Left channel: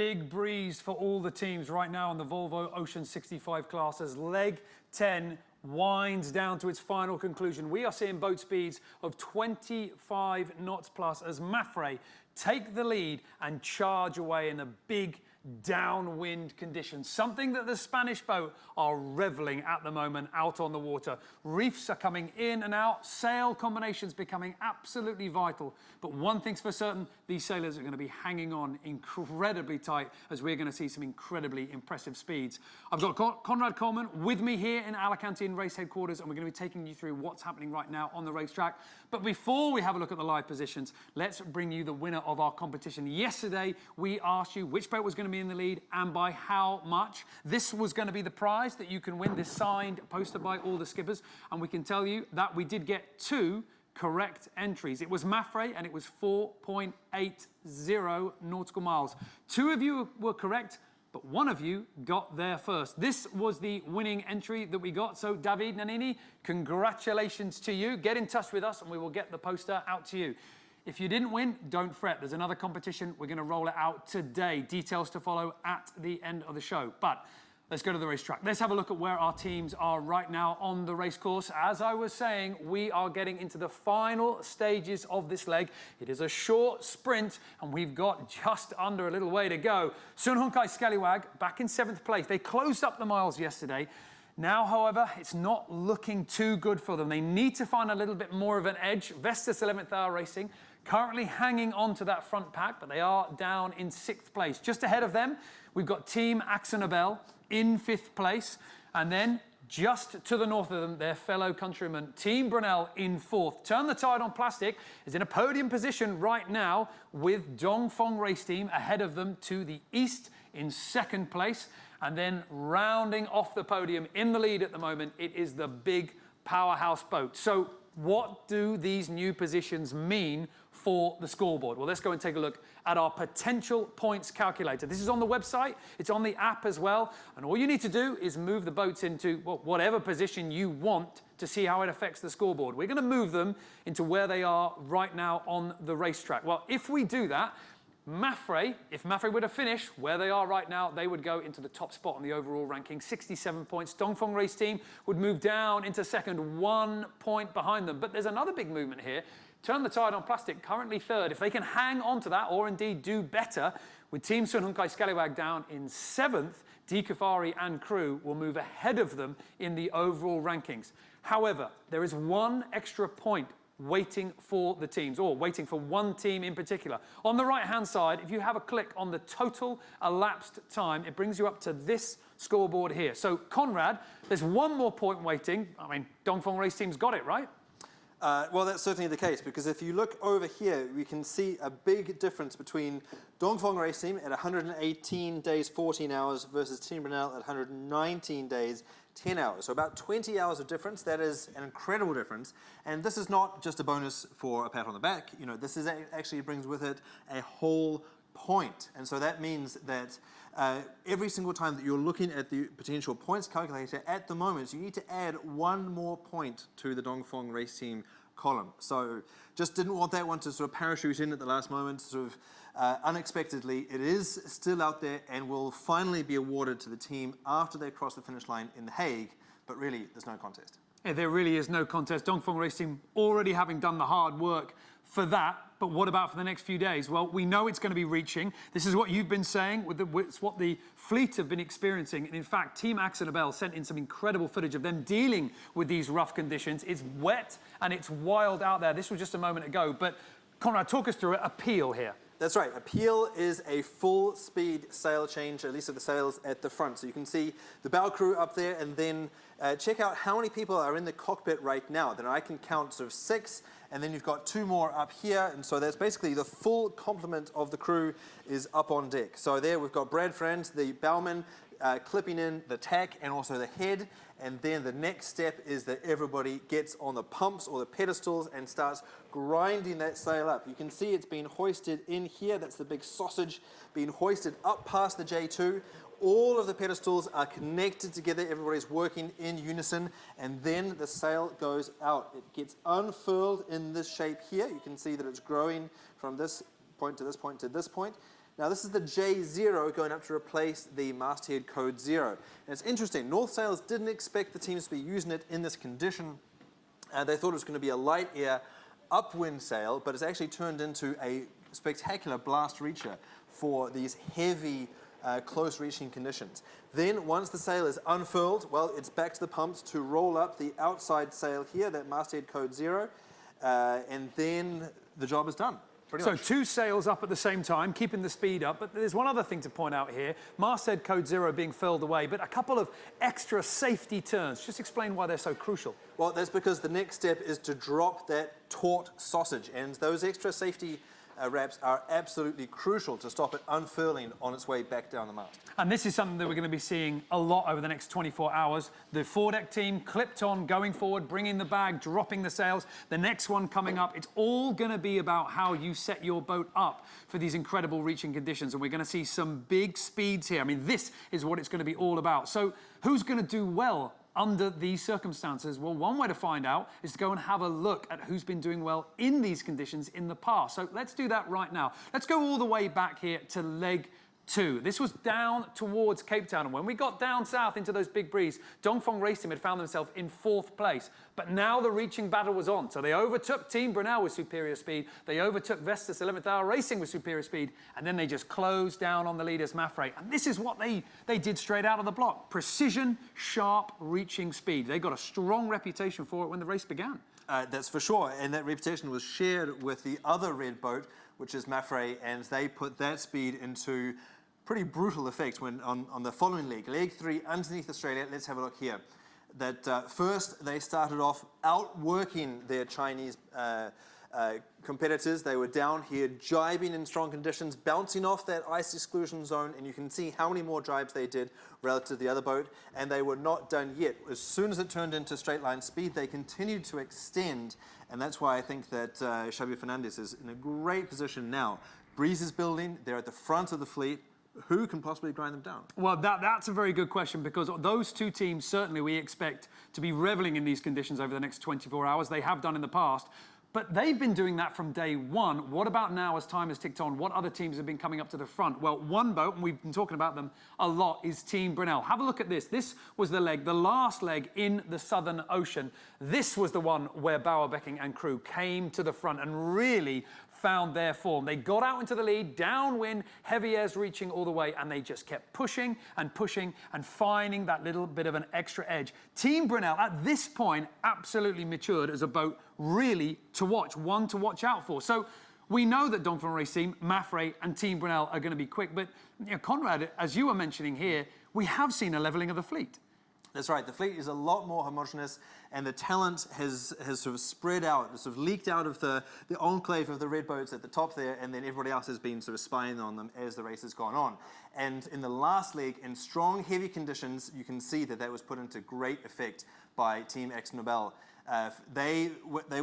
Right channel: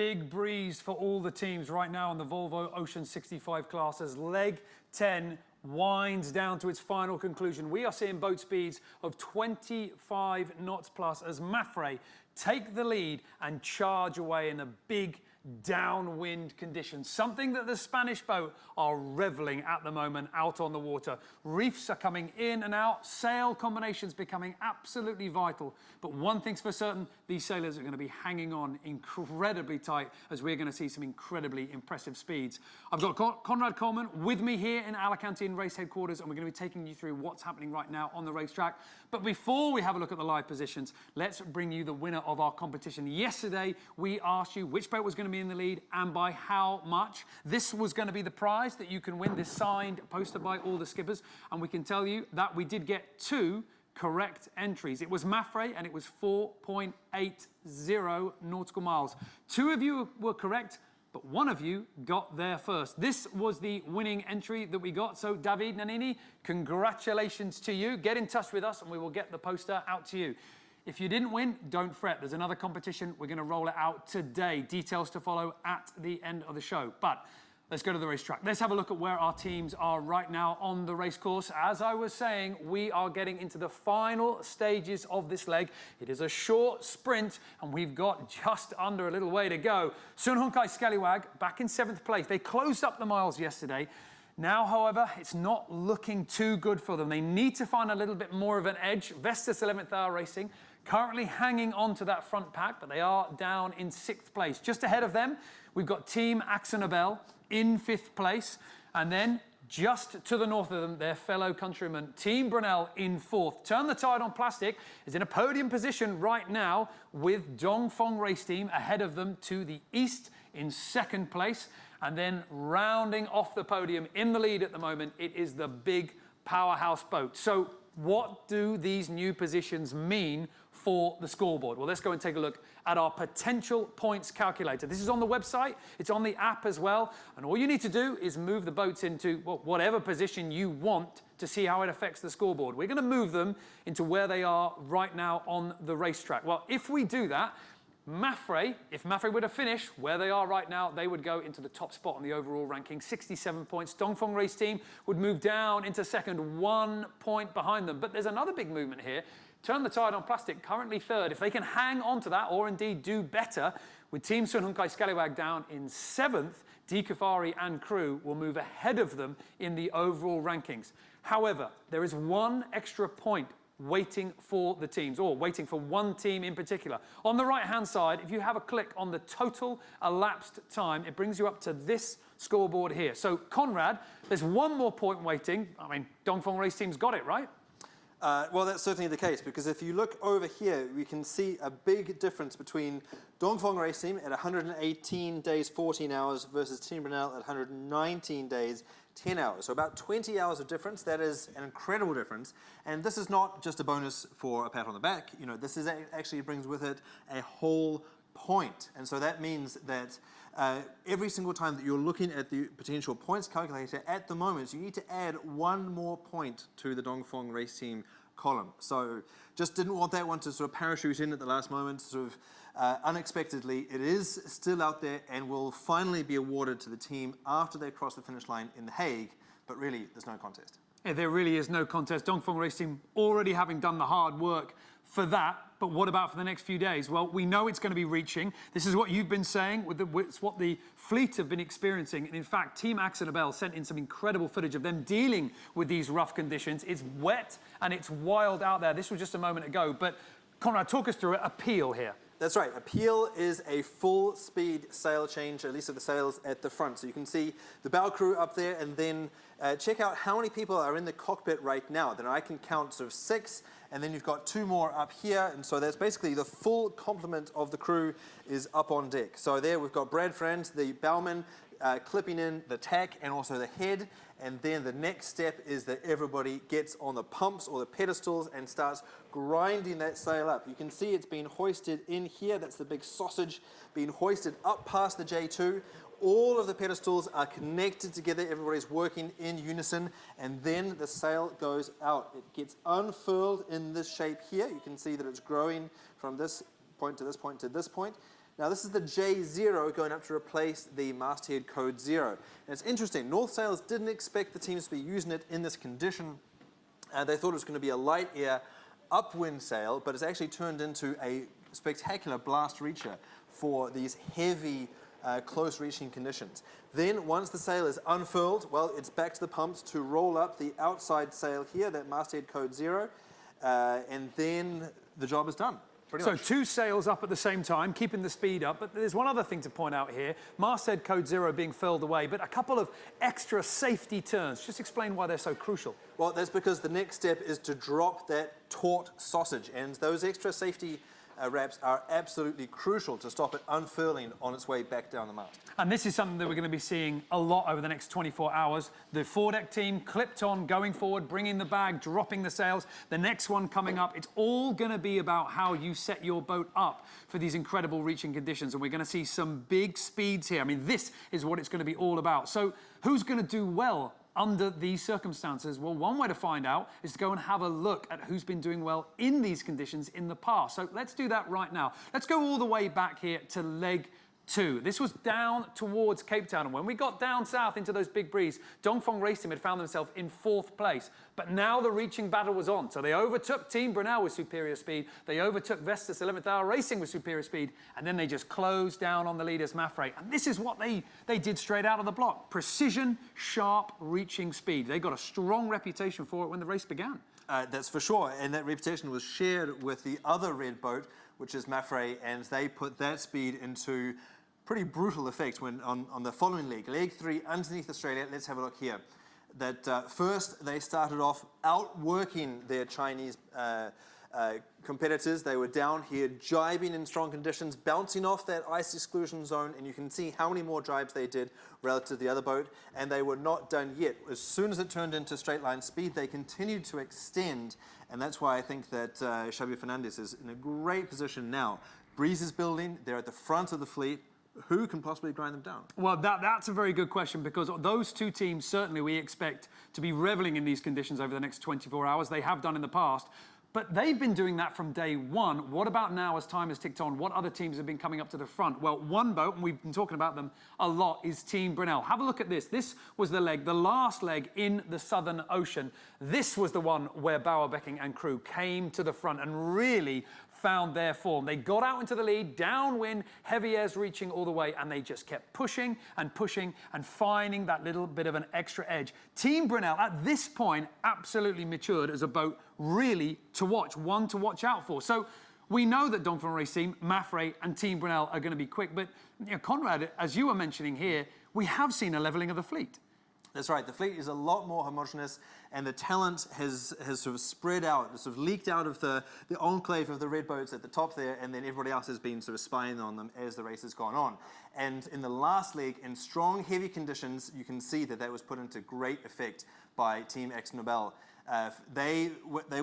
big breeze for all the teams right now in the Volvo Ocean 65 class as leg 10 winds down to its final conclusion. We are seeing boat speeds of 25 knots plus as Mafre take the lead and charge away in a big downwind conditions, something that the Spanish boat are reveling at the moment out on the water. Reefs are coming in and out, sail combinations becoming absolutely vital. But one thing's for certain, these sailors are going to be hanging on incredibly tight as we're going to see some incredibly impressive speeds. I've got Conrad Coleman with me here in Alicante in race headquarters, and we're going to be taking you through what's happening right now on the racetrack. But before we have a look at the live positions, let's bring you the winner of our competition. Yesterday, we asked you which boat was going to be in the lead and by how much. This was going to be the prize that you can win, this signed poster by all the skippers, and we can tell you that we did get 2 correct entries. It was Mafre and it was 4.80 nautical miles. 2 of you were correct, but 1 of you got there first. This was the winning entry that we got. So David Nanini, congratulations to you. Get in touch with us and we will get the poster out to you. If you didn't win, don't fret. There's another competition. We're going to roll it out today. Details to follow at the end of the show. But let's go to the racetrack. Let's have a look at where our teams are right now on the race course. As I was saying, we are getting into the final stages of this leg. It is a short sprint, and we've got just under a little way to go. Sunhunkai Scallywag back in 7th place. They closed up the miles yesterday. Now, however, it's not looking too good for them. They need to find a little bit more of an edge. Vestas 11th Hour Racing currently hanging on to that front pack, but they are down in 6th place. Just ahead of them, we've got Team Axonabel in 5th place. And then just to the north of them, their fellow countryman, Team Brunel in 4th. Turn the Tide on Plastic is in a podium position right now with Dongfeng Race Team ahead of them to the east in 2nd place. And then rounding off the podium in the lead at the moment, it is the big powerhouse boat. So what do these new positions mean for the scoreboard? Well, let's go and take a look at our potential points calculator. This is on the website, it's on the app as well, and all you need to do is move the boats into whatever position you want to see how it affects the scoreboard. We're going to move them into where they are right now on the racetrack. Well, if we do that, Mafre, if Mafre were to finish where they are right now, they would go into the top spot on the overall ranking, 67 points. Dongfeng Race Team would move down into 2nd, 1 point behind them. But there's another big movement here. Turn the Tide on Plastic, currently 3rd. If they can hang on to that, or indeed do better, with Team Sunhunkai Scallywag down in 7th, Kafari and crew will move ahead of them in the overall rankings. However, there is 1 extra point waiting for the teams, or waiting for 1 team in particular. On the right-hand side, if you have a click on the total elapsed time, it brings you up to this scoreboard here. So, Conrad, there's 1 more point waiting. I mean, Dongfeng Race Team's got it, right? Well, that's certainly the case, because if you look over here, we can see a big difference between Dongfeng Race Team at 118 days, 14 hours versus Team Brunel at 119 days, 10 hours. So about 20 hours of difference. That is an incredible difference. And this is not just a bonus for a pat on the back. You know, this is actually brings with it a whole point. And so that means that every single time that you're looking at the potential points calculator at the moment, you need to add 1 more point to the Dongfeng Race Team column. So just didn't want that one to sort of parachute in at the last moment, sort of unexpectedly. It is still out there and will finally be awarded to the team after they cross the finish line in The Hague, but really there's no contest. Yeah, there really is no contest. Dongfeng Race Team already having done the hard work for that. But what about for the next few days? Well, we know it's going to be reaching. This is what you've been saying. It's what the fleet have been experiencing. And in fact, Team Axonabel sent in some incredible footage of them dealing with these rough conditions. It's wet and it's wild out there. This was just a moment ago. But Conrad, talk us through it. Appeal here. That's right. Appeal is a full-speed sail change, at least of the sails at the front. So you can see the bow crew up there, and then check out how many people are in the cockpit right now. Then I can count sort of 6, and then you've got 2 more up here. And so that's basically the full complement of the crew is up on deck. So there we've got Brad Friend, the bowman, clipping in the tack and also the head. And then the next step is that everybody gets on the pumps or the pedestals and starts grinding that sail up. You can see it's been hoisted in here. That's the big sausage being hoisted up past the J2. All of the pedestals are connected together. Everybody's working in unison. And then the sail goes out. It gets unfurled in this shape here. You can see that it's growing from this point to this point to this point. Now this is the J0 going up to replace the masthead code 0. And it's interesting, North Sails didn't expect the teams to be using it in this condition. They thought it was going to be a light air upwind sail, but it's actually turned into a spectacular blast reacher for these heavy, close reaching conditions. Then once the sail is unfurled, well, it's back to the pumps to roll up the outside sail here, that masthead code 0, and then the job is done. So 2 sails up at the same time, keeping the speed up. But there's one other thing to point out here. Masthead code 0 being furled away, but a couple of extra safety turns. Just explain why they're so crucial. Well, that's because the next step is to drop that taut sausage, and those extra safety wraps are absolutely crucial to stop it unfurling on its way back down the mast. And this is something that we're going to be seeing a lot over the next 24 hours. The foredeck team clipped on, going forward, bringing the bag, dropping the sails. The next one coming up, it's all going to be about how you set your boat up for these incredible reaching conditions. And we're going to see some big speeds here. I mean, this is what it's going to be all about. So who's going to do well under these circumstances? Well, one way to find out is to go and have a look at who's been doing well in these conditions in the past. So let's do that right now. Let's go all the way back here to leg 2. This was down towards Cape Town, and when we got down south into those big breeze, Dongfeng Race Team had found themselves in 4th place. But now the reaching battle was on. So they overtook Team Brunel with superior speed. They overtook Vestas 11th Hour Racing with superior speed. And then they just closed down on the leaders, Mafre. And this is what they did straight out of the block. Precision, sharp, reaching speed. They got a strong reputation for it when the race began. That's for sure. And that reputation was shared with the other red boat, which is Mafre, and they put that speed into pretty brutal effect when on the following leg, leg 3, underneath Australia. Let's have a look here. That first they started off outworking their Chinese competitors. They were down here jibing in strong conditions, bouncing off that ice exclusion zone, and you can see how many more jibes they did relative to the other boat, and they were not done yet. As soon as it turned into straight line speed, they continued to extend, and that's why I think that Xavier Fernandez is in a great position now. Breeze is building, they're at the front of the fleet. Who can possibly grind them down? Well, that's a very good question, because those two teams certainly we expect to be reveling in these conditions over the next 24 hours. They have done in the past, but they've been doing that from day one. What about now as time has ticked on? What other teams have been coming up to the front? Well, one boat, and we've been talking about them a lot, is Team Brunel. Have a look at this. This was the leg, the last leg in the Southern Ocean. This was the one where Bauer, Becking and crew came to the front and really found their form. They got out into the lead, downwind, heavy airs reaching all the way, and they just kept pushing and finding that little bit of an extra edge. Team Brunel, at this point, absolutely matured as a boat really to watch, one to watch out for. So we know that Dongfeng Race Team, Mafre and Team Brunel are going to be quick, but you know, Conrad, as you were mentioning here, we have seen a levelling of the fleet. That's right. The fleet is a lot more homogenous, and the talent has sort of spread out, sort of leaked out of the enclave of the red boats at the top there, and then everybody else has been sort of spying on them as the race has gone on. And in the last leg, in strong, heavy conditions, you can see that was put into great effect by Team Ex Nobel. They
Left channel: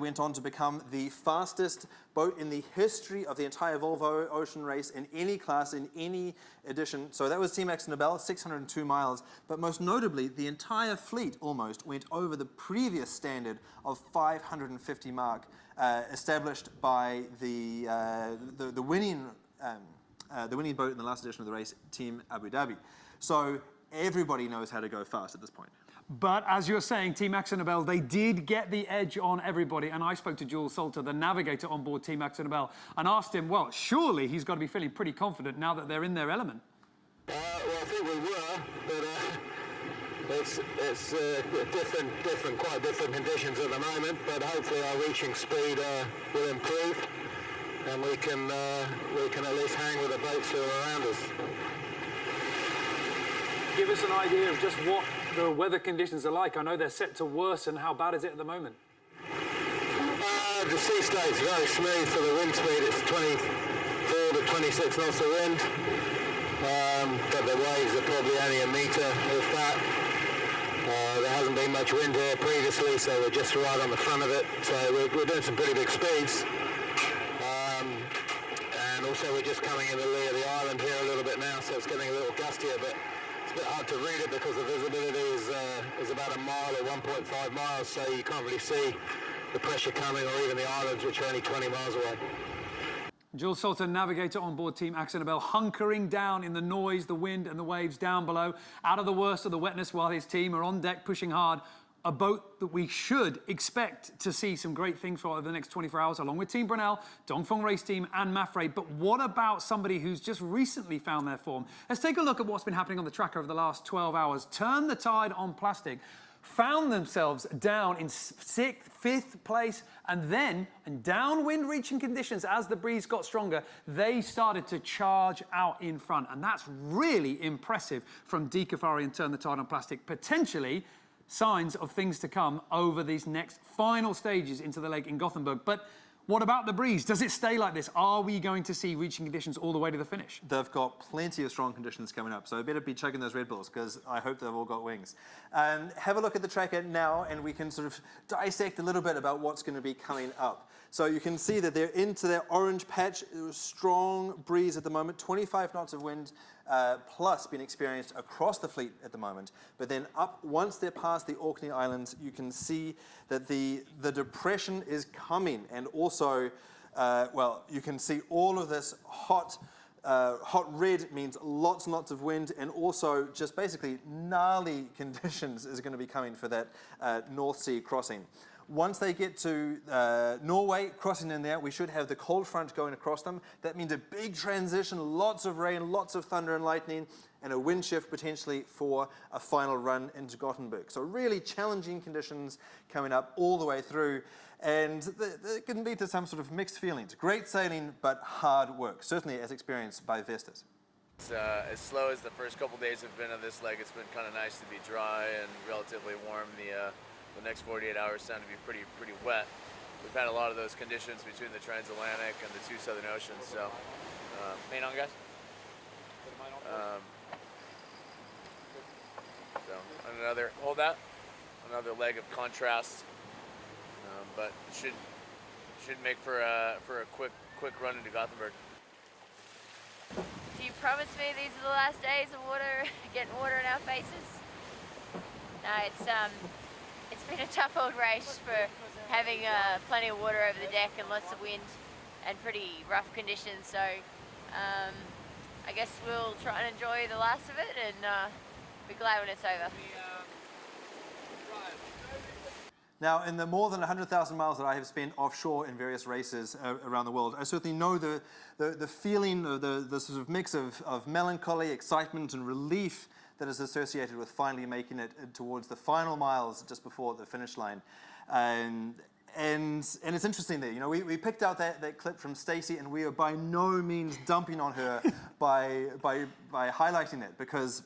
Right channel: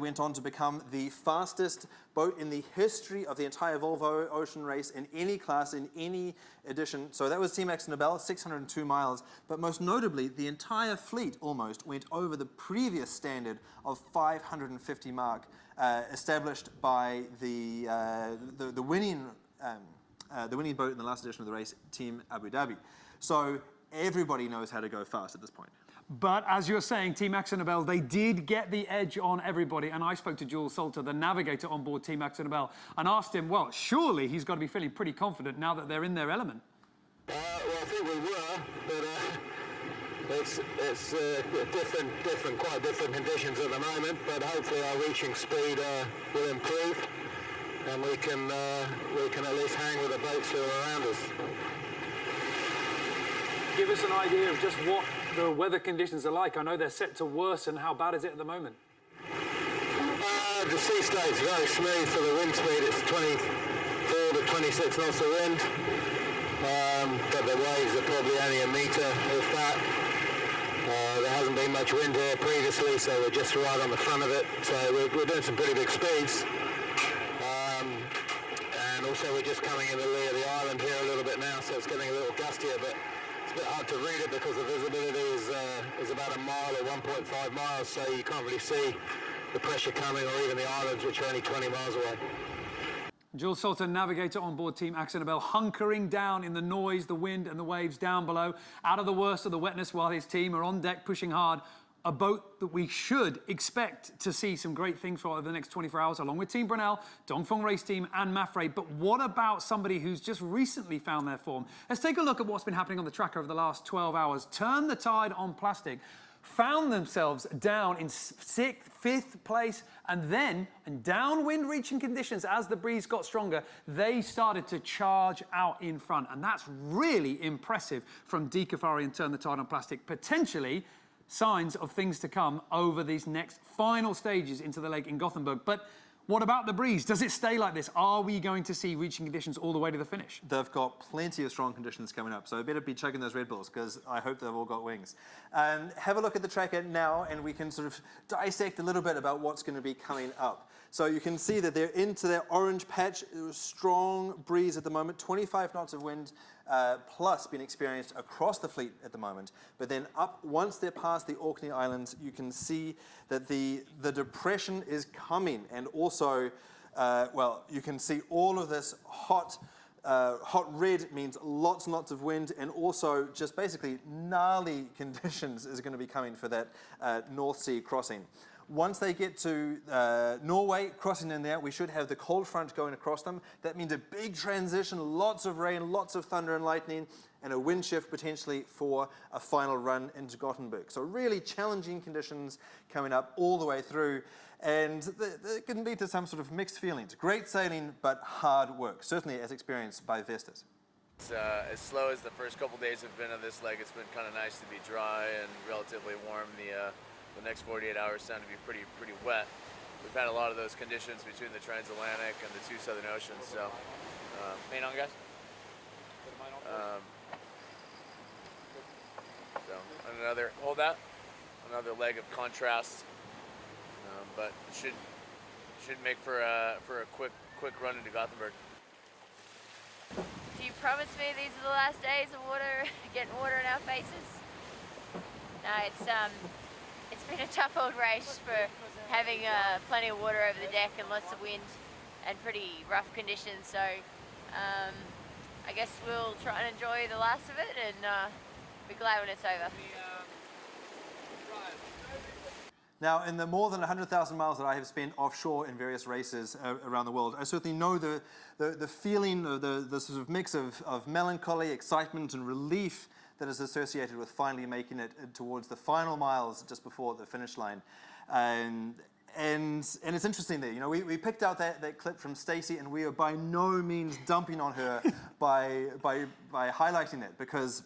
went on to become the fastest boat in the history of the entire Volvo Ocean race in any class, in any edition. So that was Team Ex Nobel, 602 miles. But most notably, the entire fleet almost went over the previous standard of 550 mark, established by the winning boat in the last edition of the race, Team Abu Dhabi. So everybody knows how to go fast at this point. But as you're saying, Team Axonobel, they did get the edge on everybody. And I spoke to Jules Salter, the navigator on board Team Axonobel, and asked him, well, surely he's got to be feeling pretty confident now that they're in their element. Well, I think we were, but it's quite different conditions at the moment. But hopefully our reaching speed will improve, and we can at least hang with the boats that are around us. Give us an idea of just what the weather conditions are like. I know they're set to worsen. How bad is it at the moment? The sea stays very smooth for the wind speed. It's 24 to 26 knots of wind. But the waves are probably only a metre, if that. There hasn't been much wind here previously, so we're just right on the front of it. So we're doing some pretty big speeds. And also we're just coming in the lee of the island here a little bit now, so it's getting a little gustier, but it's a bit hard to read it because the visibility is about a mile or 1.5 miles, so you can't really see the pressure coming, or even the islands, which are only 20 miles away. Jules Salter, navigator on board Team Axonabel, hunkering down in the noise, the wind and the waves down below, out of the worst of the wetness while his team are on deck pushing hard. A boat that we should expect to see some great things for over the next 24 hours, along with Team Brunel, Dongfeng Race Team and Mafre. But what about somebody who's just recently found their form? Let's take a look at what's been happening on the track over the last 12 hours. Turn the tide on plastic. Found themselves down in 6th, 5th place, and then in downwind reaching conditions as the breeze got stronger, they started to charge out in front. And that's really impressive from Di Cafari and Turn the Tide on Plastic. Potentially signs of things to come over these next final stages into the lake in Gothenburg. But what about the breeze? Does it stay like this? Are we going to see reaching conditions all the way to the finish? They've got plenty of strong conditions coming up, so better be chugging those Red Bulls, because I hope they've all got wings. Have a look at the tracker now, and we can sort of dissect a little bit about what's going to be coming up. So you can see that they're into their orange patch. Strong breeze at the moment, 25 knots of wind plus being experienced across the fleet at the moment. But then up, once they're past the Orkney Islands, you can see that the depression is coming, and also, well, you can see all of this hot red means lots and lots of wind, and also just basically gnarly conditions is going to be coming for that North Sea crossing. Once they get to Norway, crossing in there, we should have the cold front going across them. That means a big transition, lots of rain, lots of thunder and lightning, and a wind shift potentially for a final run into Gothenburg. So really challenging conditions coming up all the way through, and it can lead to some sort of mixed feelings. Great sailing, but hard work, certainly as experienced by Vestas. It's, as slow as the first couple days have been on this leg, it's been kind of nice to be dry and relatively warm. The next 48 hours sound to be pretty wet. We've had a lot of those conditions between the transatlantic and the two southern oceans. So, main on, guys. So hold that. Another leg of contrast, but should make for a quick run into Gothenburg. Do you promise me these are the last days of water, getting water in our faces? No, it's been a tough old race for having plenty of water over the deck and lots of wind and pretty rough conditions. So I guess we'll try and enjoy the last of it and be glad when it's over. Now, in the more than 100,000 miles that I have spent offshore in various races around the world, I certainly know the feeling, the sort of mix of melancholy, excitement, and relief that is associated with finally making it towards the final miles just before the finish line. And it's interesting there, you know, we picked out that clip from Stacey, and we are by no means dumping on her by highlighting it, because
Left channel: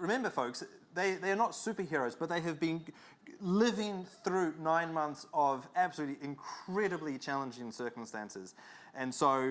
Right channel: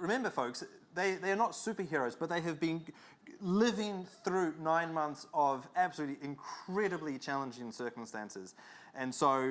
remember folks, they are not superheroes, but they have been living through 9 months of absolutely incredibly challenging circumstances. And so,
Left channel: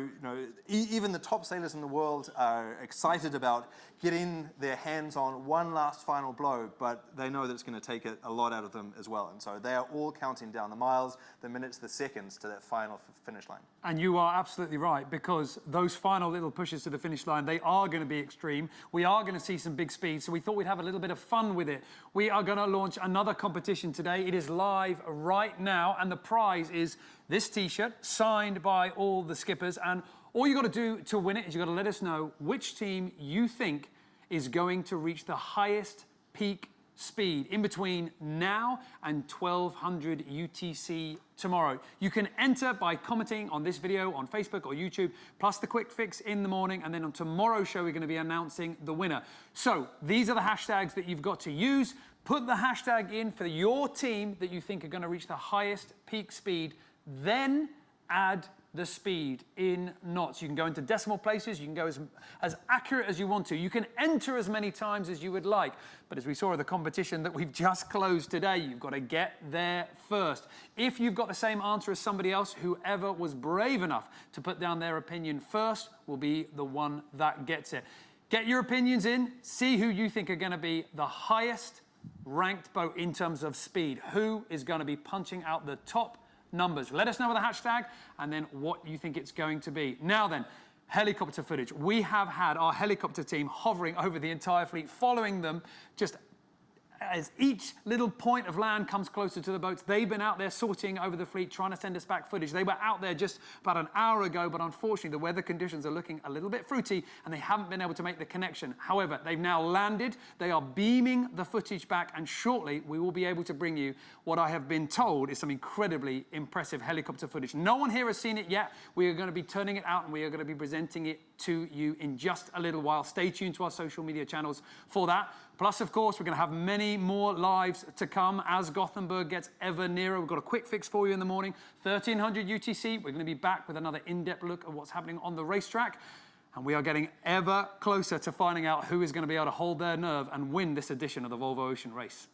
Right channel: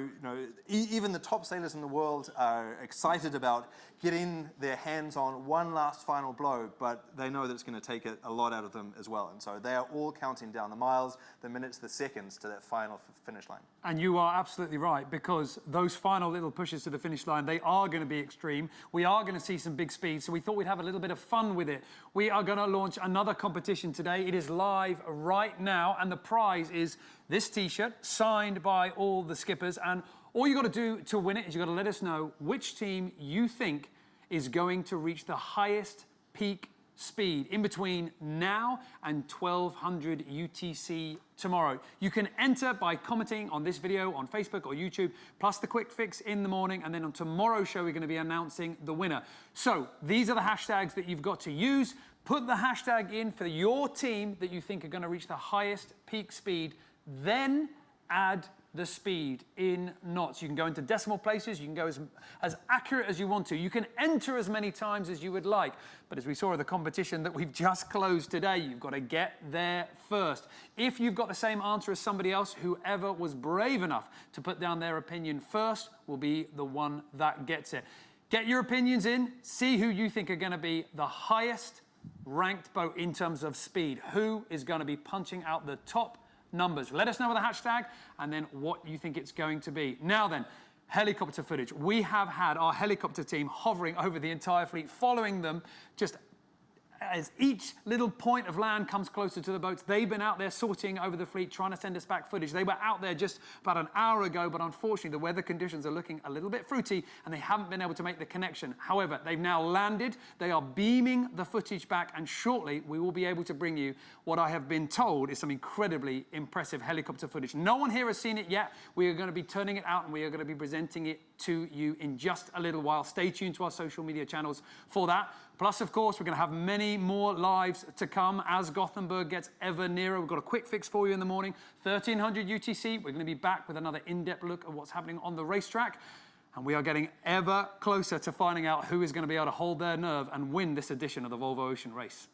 even the top sailors in the world are excited about getting their hands on one last final blow, but they know that it's going to take a lot out of them as well. And so they are all counting down the miles, the minutes, the seconds to that final finish line. And you are absolutely right, because those final little pushes to the finish line, they are going to be extreme. We are going to see some big speed, so we thought we'd have a little bit of fun with it. We are going to launch another competition today. It is live right now, and the prize is this T-shirt signed by all the skippers, and all you got to do to win it is you got to let us know which team you think is going to reach the highest peak speed in between now and 1200 UTC tomorrow. You can enter by commenting on this video on Facebook or YouTube, plus the quick fix in the morning, and then on tomorrow's show we're going to be announcing the winner. So these are the hashtags that you've got to use. Put the hashtag in for your team that you think are going to reach the highest peak speed, then add the speed in knots. You can go into decimal places, you can go as accurate as you want to. You can enter as many times as you would like. But as we saw in the competition that we've just closed today, you've got to get there first. If you've got the same answer as somebody else, whoever was brave enough to put down their opinion first will be the one that gets it. Get your opinions in, see who you think are going to be the highest ranked boat in terms of speed. Who is going to be punching out the top numbers? Let us know with a hashtag and then what you think it's going to be. Now then, helicopter footage. We have had our helicopter team hovering over the entire fleet, following them just as each little point of land comes closer to the boats, they've been out there sorting over the fleet, trying to send us back footage. They were out there just about an hour ago, but unfortunately the weather conditions are looking a little bit fruity and they haven't been able to make the connection. However, they've now landed, they are beaming the footage back, and shortly we will be able to bring you what I have been told is some incredibly impressive helicopter footage. No one here has seen it yet. We are going to be turning it out and we are going to be presenting it to you in just a little while. Stay tuned to our social media channels for that. Plus, of course, we're going to have many more lives to come as Gothenburg gets ever nearer. We've got a quick fix for you in the morning, 1300 UTC. We're going to be back with another in-depth look at what's happening on the racetrack. And we are getting ever closer to finding out who is going to be able to hold their nerve and win this edition of the Volvo Ocean Race.